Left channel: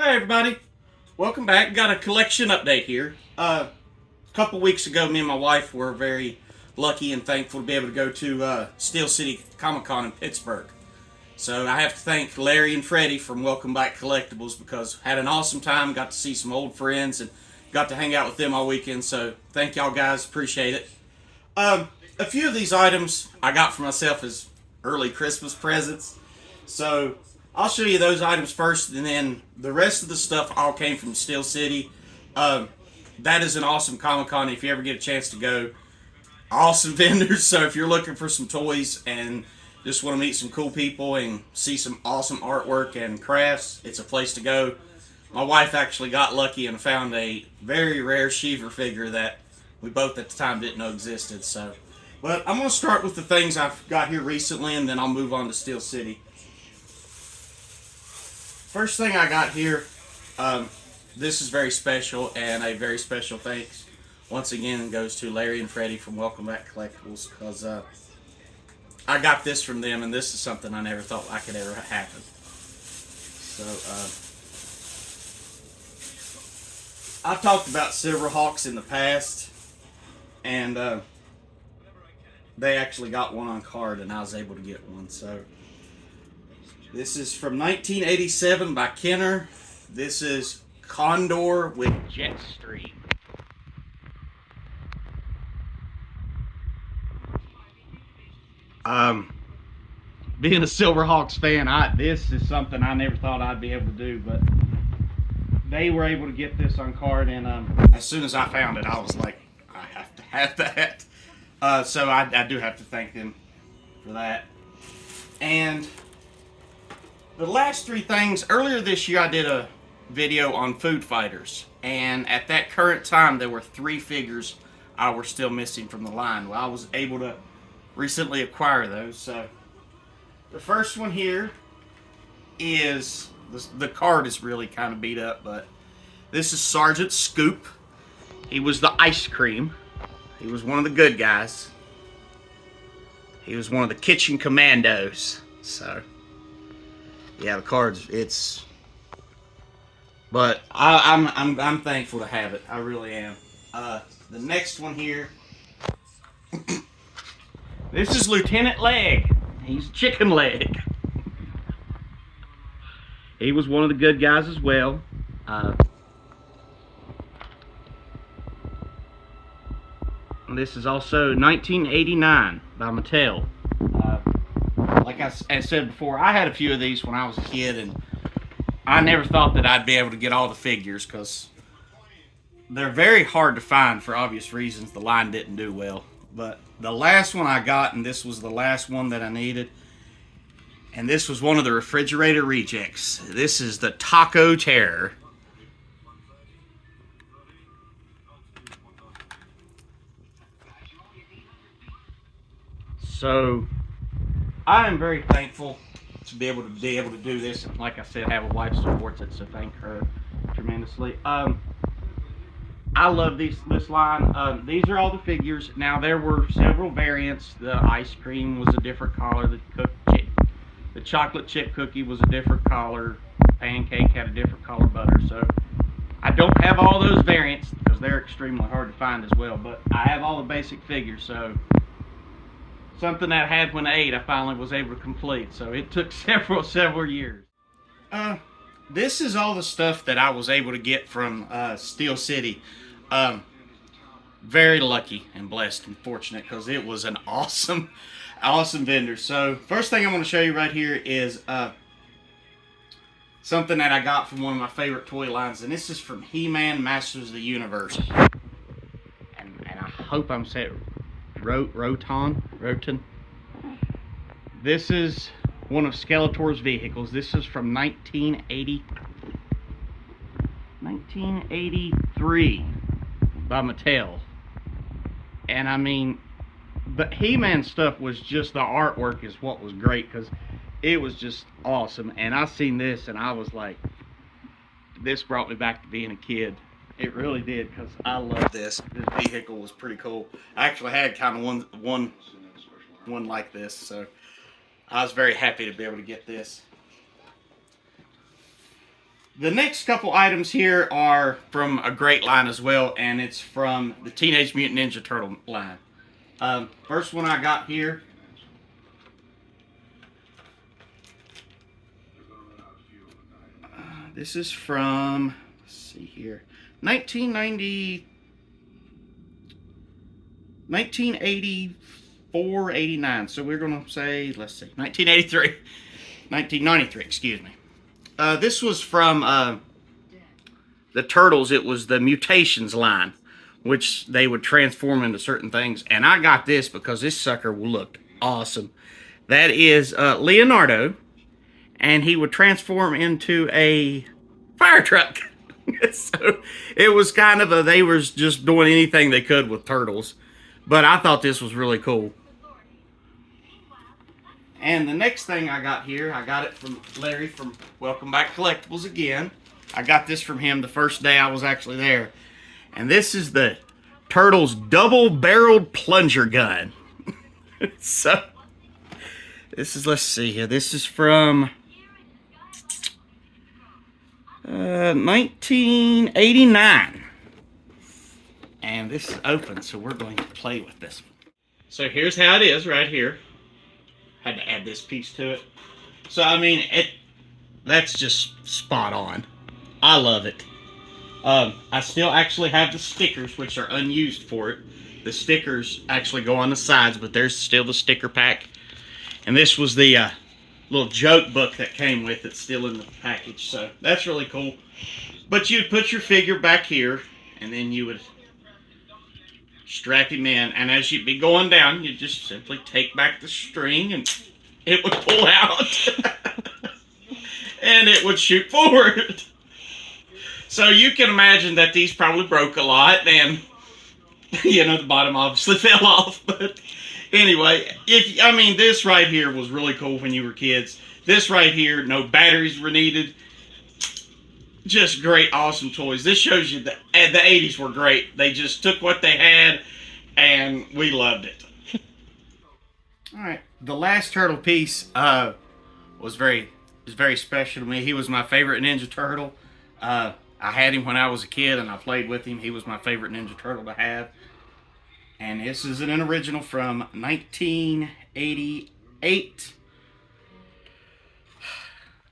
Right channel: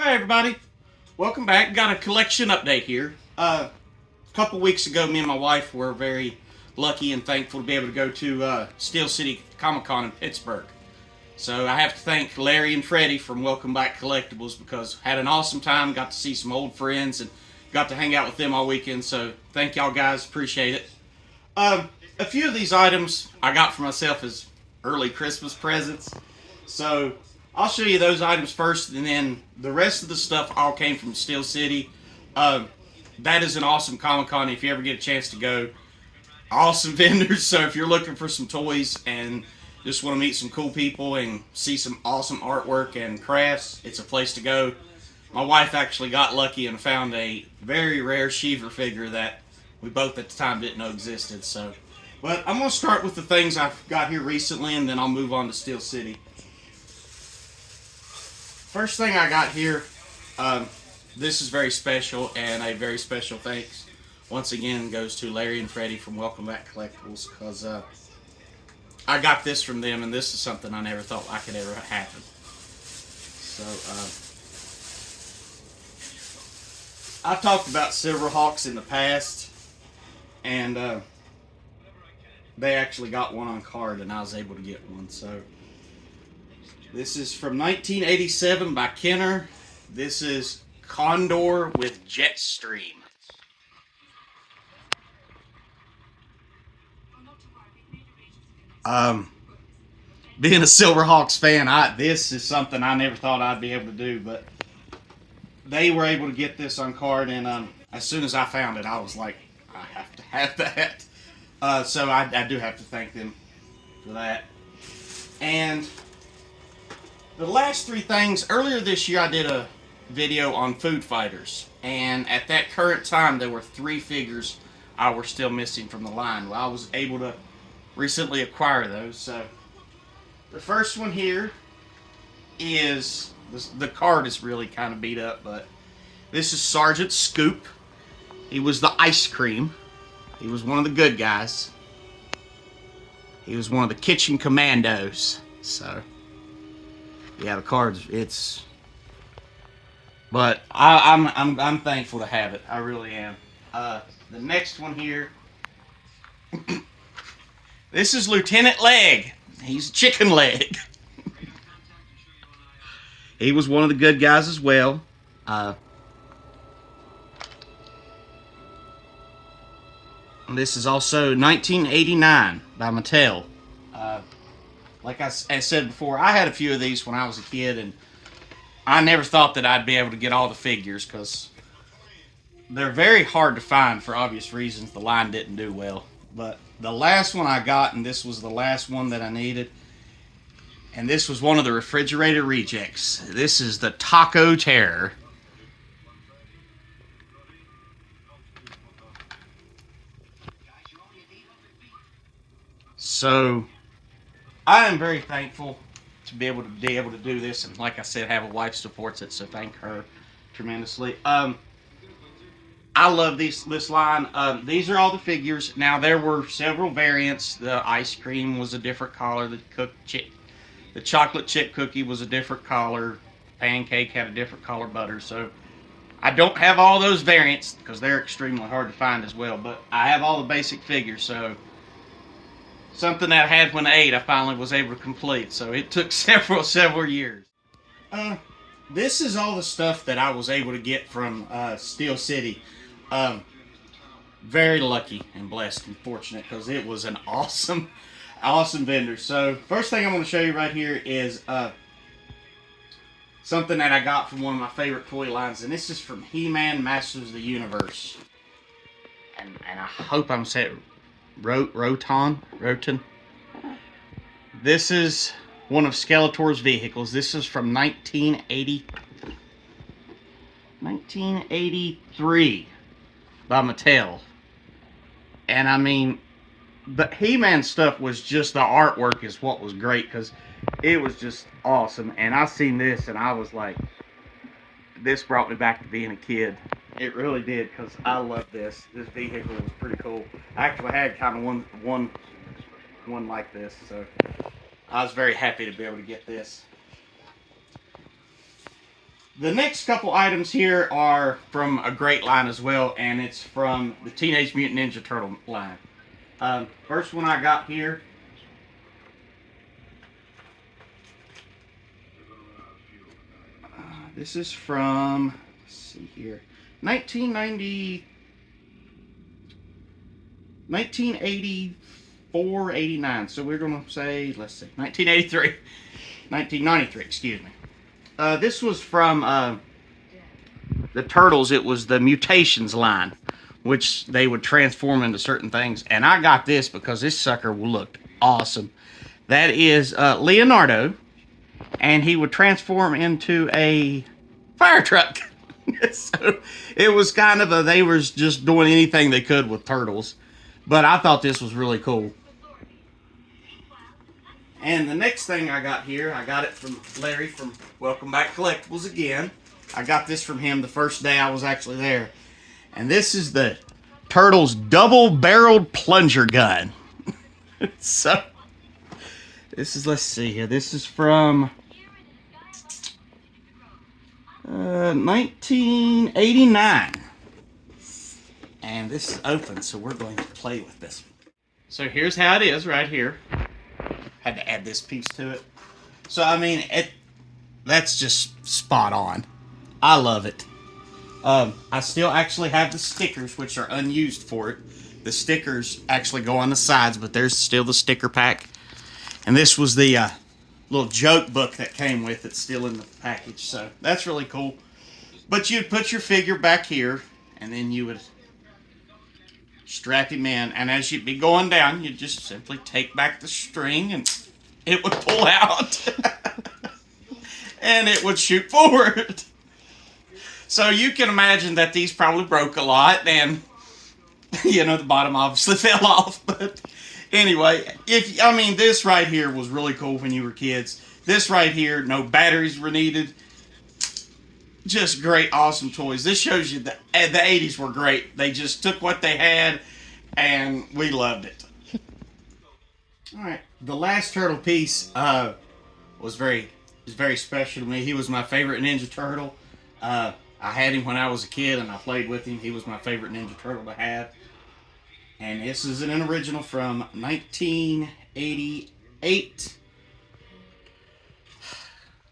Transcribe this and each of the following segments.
Hey everybody, welcome back. Got a collection update here. A couple weeks ago, me and my wife were very lucky and thankful to be able to go to Steel City Comic Con in Pittsburgh. So I have to thank Larry and Freddie from Welcome Back Collectibles because had an awesome time. Got to see some old friends and got to hang out with them all weekend. So thank y'all guys, appreciate it. A few of these items I got for myself as early Christmas presents. So I'll show you those items first, and then the rest of the stuff all came from Steel City. That is an awesome Comic Con if you ever get a chance to go. Awesome vendors. So if you're looking for some toys and just want to meet some cool people and see some awesome artwork and crafts, it's a place to go. My wife actually got lucky and found a very rare Shiver figure that we both at the time didn't know existed. So, but I'm going to start with the things I've got here recently, and then I'll move on to Steel City. First thing I got here, this is very special, and a very special thanks once again goes to Larry and Freddie from Welcome Back Collectibles, because I got this from them, and this is something I never thought I could ever happen. So I've talked about Silverhawks in the past, and they actually got one on card, and I was able to get one. So this is from 1987 by Kenner. This is Condor with Jetstream. Being a Silverhawks fan, this is something I never thought I'd be able to do, but they were able to get this on card, and as soon as I found it, I was like, I have to have that. So I do have to thank them for that. And the last three things, earlier this year I did a video on food fighters, and at that current time there were 3 figures I were still missing from the line. Well, I was able to recently acquire those. So the first one here is, the card is really kind of beat up, but this is Sergeant Scoop. He was the ice cream. He was one of the good guys. He was one of the kitchen commandos. So yeah, the cards, it's, but I'm thankful to have it. I really am. The next one here, this is Lieutenant Leg. He's Chicken Leg. He was one of the good guys as well. This is also 1989 by Mattel. Like I said before, I had a few of these when I was a kid, and I never thought that I'd be able to get all the figures because they're very hard to find for obvious reasons. The line didn't do well. But the last one I got, and this was the last one that I needed, and this was one of the refrigerator rejects. This is the Taco Terror. So I am very thankful to be able to do this, and like I said, have a wife who supports it, so thank her tremendously. I love this line. These are all the figures. Now there were several variants. The ice cream was a different color. The chocolate chip cookie was a different color. Pancake had a different color butter. So I don't have all those variants because they're extremely hard to find as well. But I have all the basic figures. So something that I had when I ate, I finally was able to complete. So it took several years. This is all the stuff that I was able to get from Steel City. Very lucky and blessed and fortunate because it was an awesome vendor. So first thing I'm going to show you right here is something that I got from one of my favorite toy lines, and this is from He-Man Masters of the Universe. And I hope I'm saying Rotan. This is one of Skeletor's vehicles. This is from 1983 by Mattel. And I mean, the He-Man stuff was just, the artwork is what was great because it was just awesome. And I seen this and I was like, this brought me back to being a kid. It really did, because I love this. This vehicle was pretty cool. I actually had kind of one like this, so I was very happy to be able to get this. The next couple items here are from a great line as well, and it's from the Teenage Mutant Ninja Turtle line. First one I got here. This is from, let's see here, 1984, 89. So we're going to say, let's see, 1993, excuse me. This was from the Turtles. It was the Mutations line, which they would transform into certain things. And I got this because this sucker looked awesome. That is Leonardo, and he would transform into a fire truck. So it was kind of they were just doing anything they could with Turtles. But I thought this was really cool. And the next thing I got here, I got it from Larry from Welcome Back Collectibles again. I got this from him the first day I was actually there. And this is the Turtles double-barreled plunger gun. So, this is, let's see here, this is from 1989. And this is open, so we're going to play with this. So here's how it is right here. Had to add this piece to it. So, I mean, that's just spot on. I love it. I still actually have the stickers, which are unused for it. The stickers actually go on the sides, but there's still the sticker pack. And this was the little joke book that came with it, still in the package. So, that's really cool. But you'd put your figure back here, and then you would strap him in, and as you'd be going down, you'd just simply take back the string and it would pull out and it would shoot forward. So you can imagine that these probably broke a lot, and you know, the bottom obviously fell off. But anyway, this right here was really cool when you were kids. This right here, no batteries were needed. Just great, awesome toys. This shows you that the 80s were great. They just took what they had, and we loved it. All right, the last turtle piece was very special to me. He was my favorite Ninja Turtle. I had him when I was a kid, and I played with him. He was my favorite Ninja Turtle to have. And this is an original from 1988.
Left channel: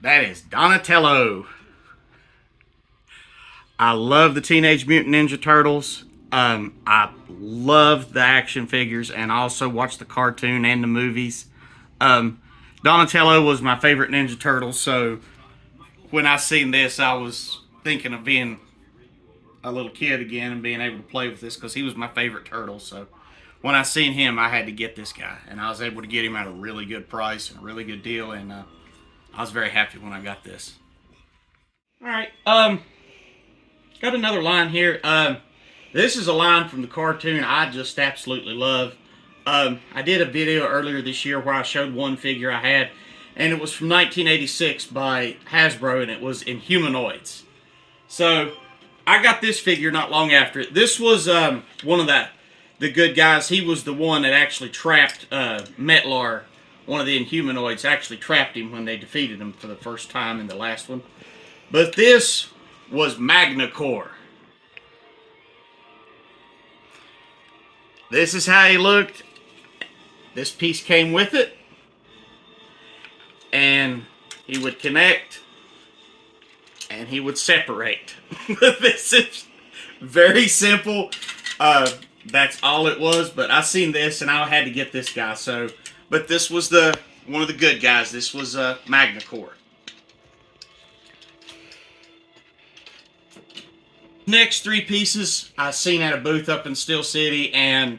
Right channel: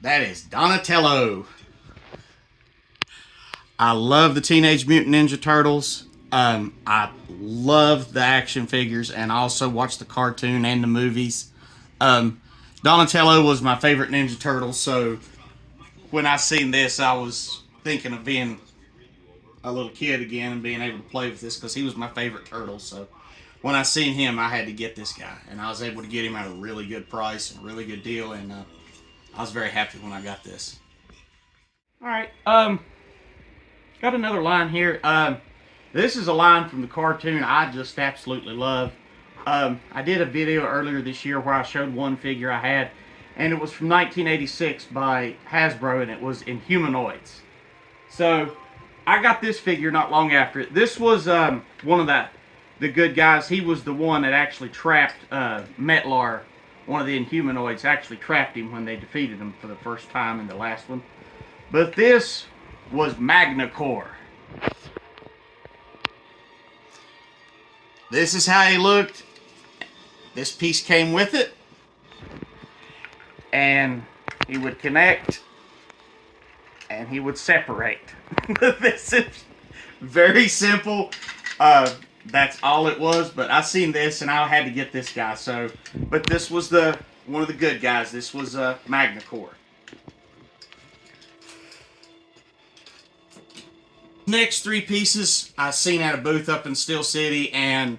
That is Donatello. I love the Teenage Mutant Ninja Turtles. I love the action figures, and I also watch the cartoon and the movies. Donatello was my favorite Ninja Turtle, so when I seen this, I was thinking of being a little kid again and being able to play with this because he was my favorite turtle. So when I seen him, I had to get this guy, and I was able to get him at a really good price and a really good deal, and I was very happy when I got this. All right, got another line here. This is a line from the cartoon I just absolutely love. I did a video earlier this year where I showed one figure I had, and it was from 1986 by Hasbro, and it was Inhumanoids. So I got this figure not long after it. This was one of the good guys. He was the one that actually trapped Metlar. One of the Inhumanoids actually trapped him when they defeated him for the first time in the last one. But this was Magnacore. This is how he looked. This piece came with it. And he would connect. And he would separate. This is very simple. That's all it was. But I seen this and I had to get this guy. But this was one of the good guys. This was Magnacore. Next three pieces I seen at a booth up in Steel City, and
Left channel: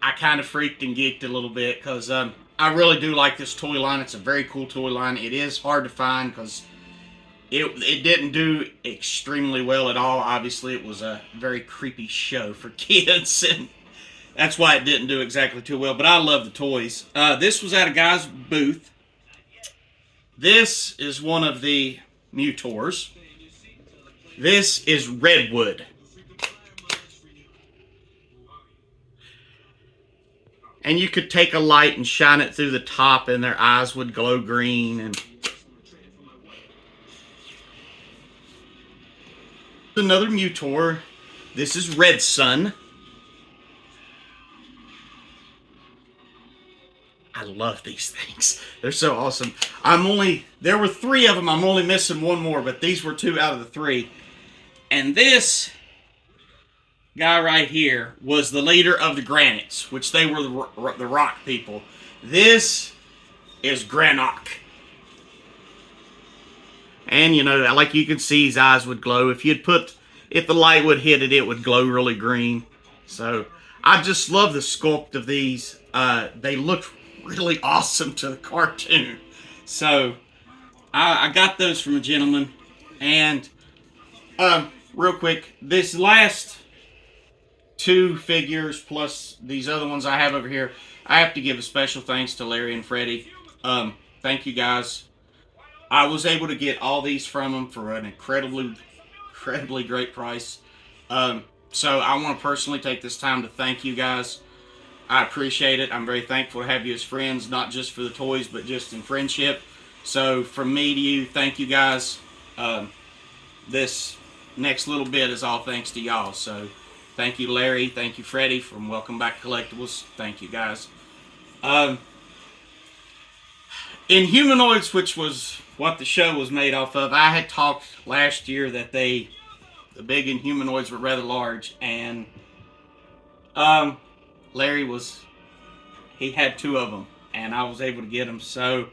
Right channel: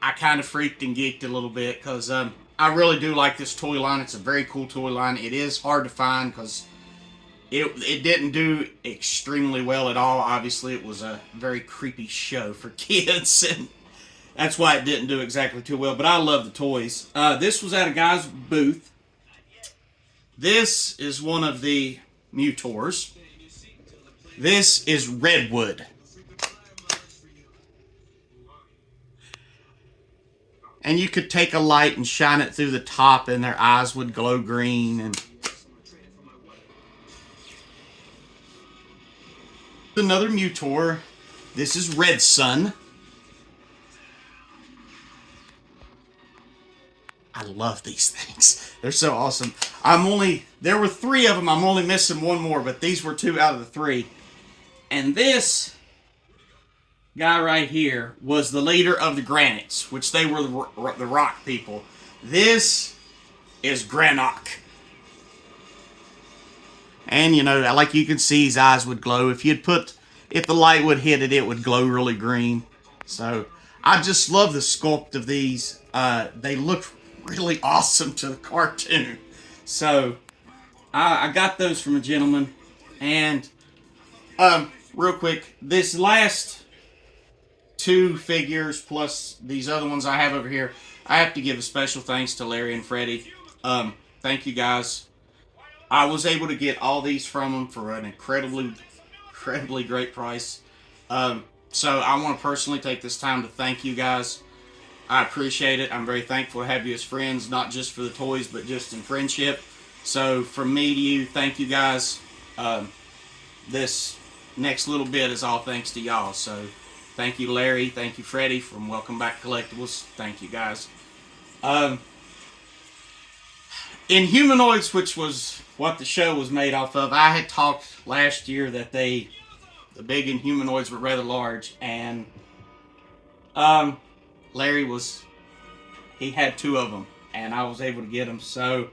I kind of freaked and geeked a little bit because I really do like this toy line. It's a very cool toy line. It is hard to find because it didn't do extremely well at all. Obviously, it was a very creepy show for kids, and that's why it didn't do exactly too well. But I love the toys. This was at a guy's booth. This is one of the Mutors. This is Redwood. And you could take a light and shine it through the top and their eyes would glow green. And Another Mutor. This is Red Sun. I love these things. They're so awesome. There were 3 of them. I'm only missing 1 more, but these were 2 out of the 3. And this guy right here was the leader of the Granites, which they were the rock people. This is Granok. And, you know, like you can see, his eyes would glow. If the light would hit it, it would glow really green. So, I just love the sculpt of these. They look really awesome to the cartoon. So, I got those from a gentleman. And, real quick, this last 2 figures plus these other ones I have over here, I have to give a special thanks to Larry and Freddie. Thank you guys. I was able to get all these from them for an incredibly great price. So I want to personally take this time to thank you guys. I appreciate it. I'm very thankful to have you as friends, not just for the toys, but just in friendship. So from me to you, thank you guys. This next little bit is all thanks to y'all. So thank you, Larry. Thank you, Freddie, from Welcome Back Collectibles. Thank you, guys. In Humanoids, which was what the show was made off of, I had talked last year that the big Inhumanoids were rather large, and Larry he had 2 of them, and I was able to get them. So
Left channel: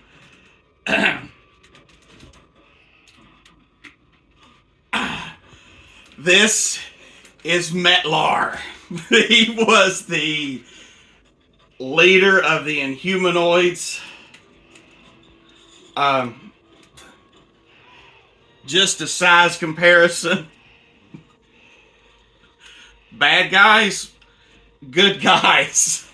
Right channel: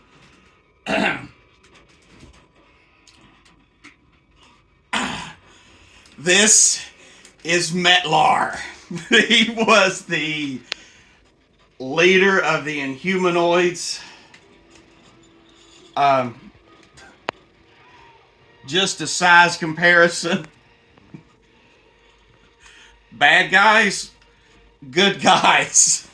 this is Metlar. He was the leader of the Inhumanoids. Just a size comparison. Bad guys, good guys.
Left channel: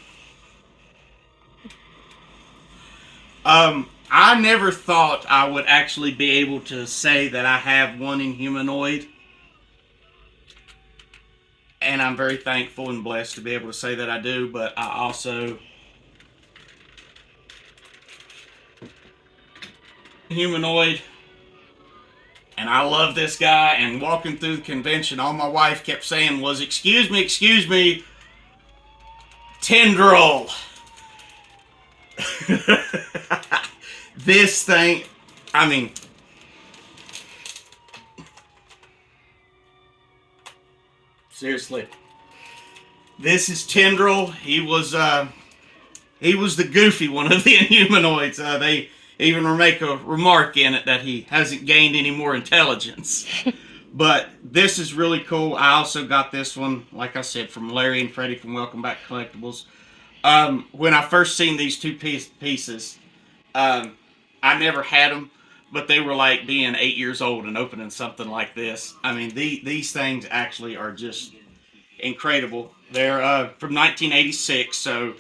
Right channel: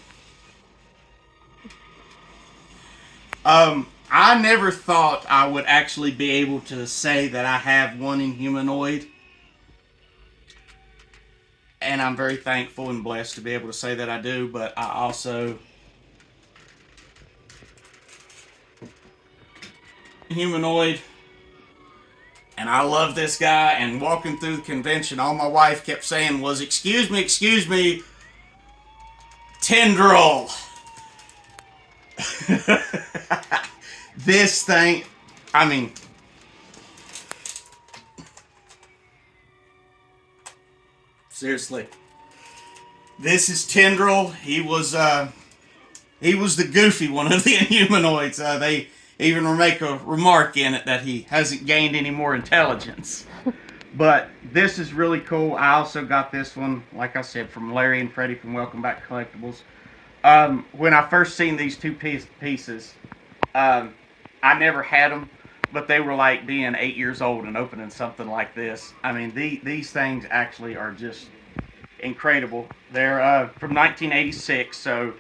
I never thought I would actually be able to say that I have one Inhumanoid. And I'm very thankful and blessed to be able to say that I do, but I also Humanoid, and I love this guy. And walking through the convention, all my wife kept saying was, excuse me, Tendril. This thing, I mean, seriously, this is Tendril. He was the goofy one of the Inhumanoids. They even make a remark in it that he hasn't gained any more intelligence. But this is really cool. I also got this one, like I said, from Larry and Freddie from Welcome Back Collectibles. When I first seen these 2 pieces, I never had them, but they were like being 8 years old and opening something like this. I mean, these things actually are just incredible. They're from 1986, so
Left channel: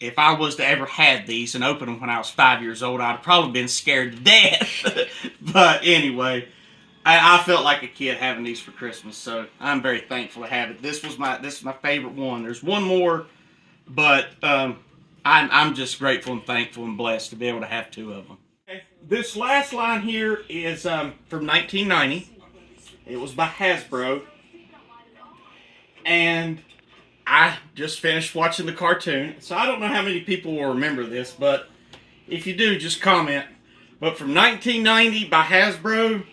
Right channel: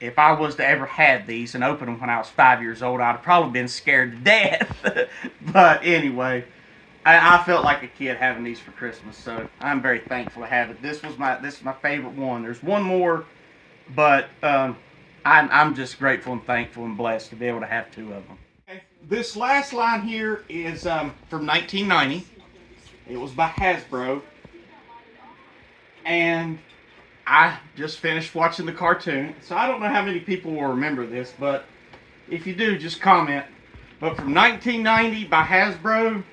if I was to ever had these and open them when I was 5 years old, I'd have probably been scared to death. But anyway, I felt like a kid having these for Christmas, so I'm very thankful to have it. This is my favorite one. There's one more, but I'm just grateful and thankful and blessed to be able to have 2 of them. Okay. This last line here is from 1990. It was by Hasbro, and I just finished watching the cartoon, so I don't know how many people will remember this, but if you do, just comment. But from 1990 by Hasbro,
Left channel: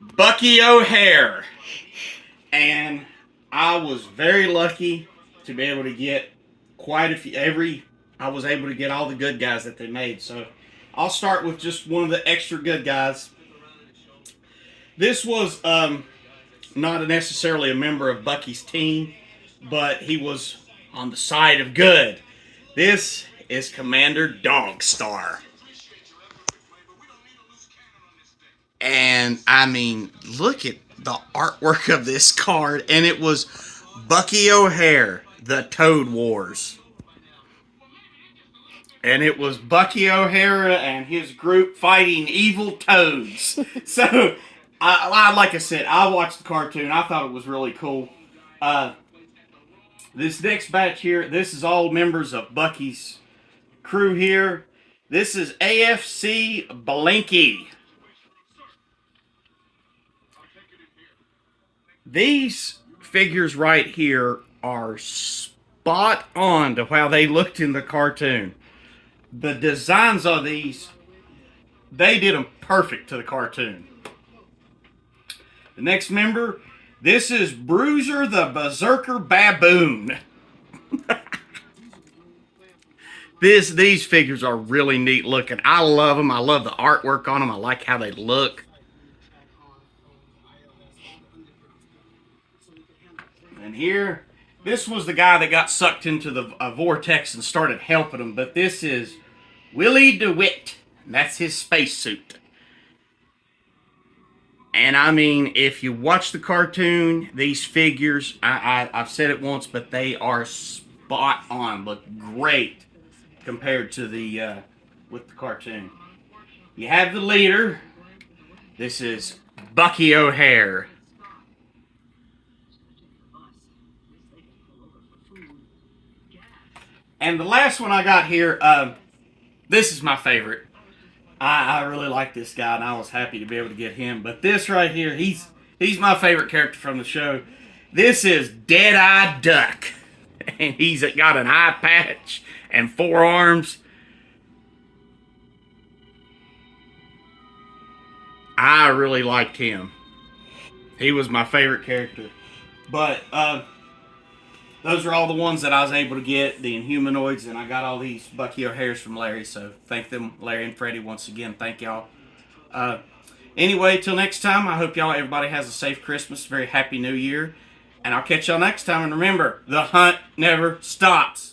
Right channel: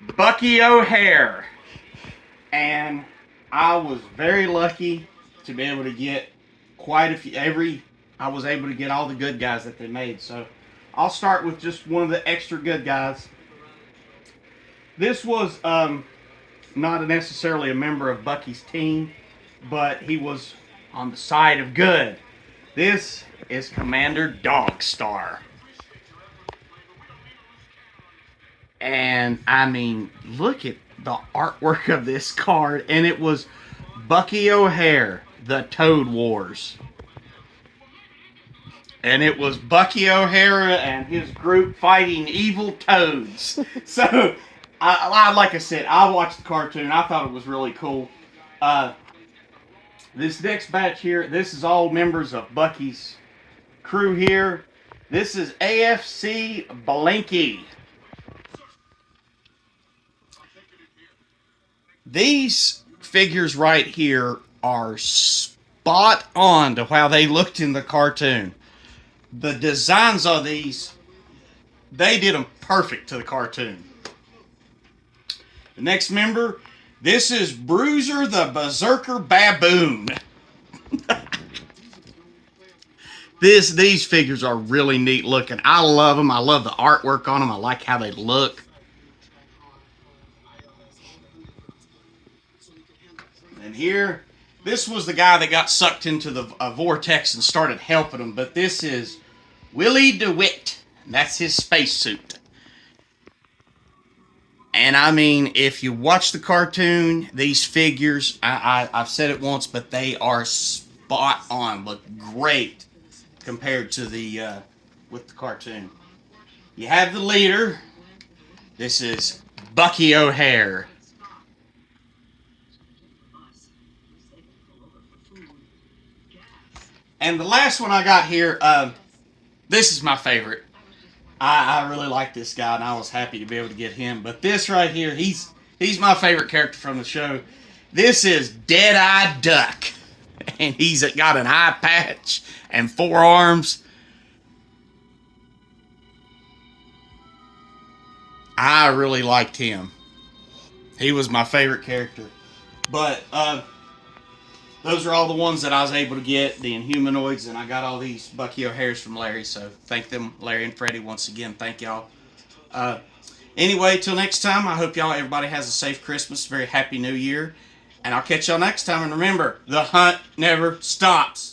Bucky O'Hare. And I was very lucky to be able to get quite a few. I was able to get all the good guys that they made. So I'll start with just one of the extra good guys. This was not necessarily a member of Bucky's team, but he was on the side of good. This is Commander Dogstar. And I mean, look at the artwork of this card. And it was Bucky O'Hare, the Toad Wars. And it was Bucky O'Hara and his group fighting evil toads. So, like I said, I watched the cartoon. I thought it was really cool. This next batch here, this is all members of Bucky's crew here. This is AFC Blanky. These figures right here are spot on to how they looked in the cartoon. The designs of these, they did them perfect to the cartoon. The next member, this is Bruiser the Berserker Baboon. These figures are really neat looking. I love them. I love the artwork on them. I like how they look. And here, this was the guy that got sucked into the vortex and started helping him. But this is Willie DeWitt. That's his spacesuit. And I mean, if you watch the cartoon, these figures, I've said it once, but they are spot on. Look great compared to the with the cartoon. You have the leader. This is Bucky O'Hare. And the last one I got here, this is my favorite. I really like this guy, and I was happy to be able to get him. But this right here, he's my favorite character from the show. This is Dead-Eye Duck. And he's got an eye patch and 4 arms. I really liked him. He was my favorite character. But those are all the ones that I was able to get, the Inhumanoids, and I got all these Bucky O'Hares from Larry, so thank them, Larry and Freddie, once again. Thank y'all. Anyway, till next time, I hope everybody has a safe Christmas, very happy New Year, and I'll catch y'all next time, and remember, the hunt never stops.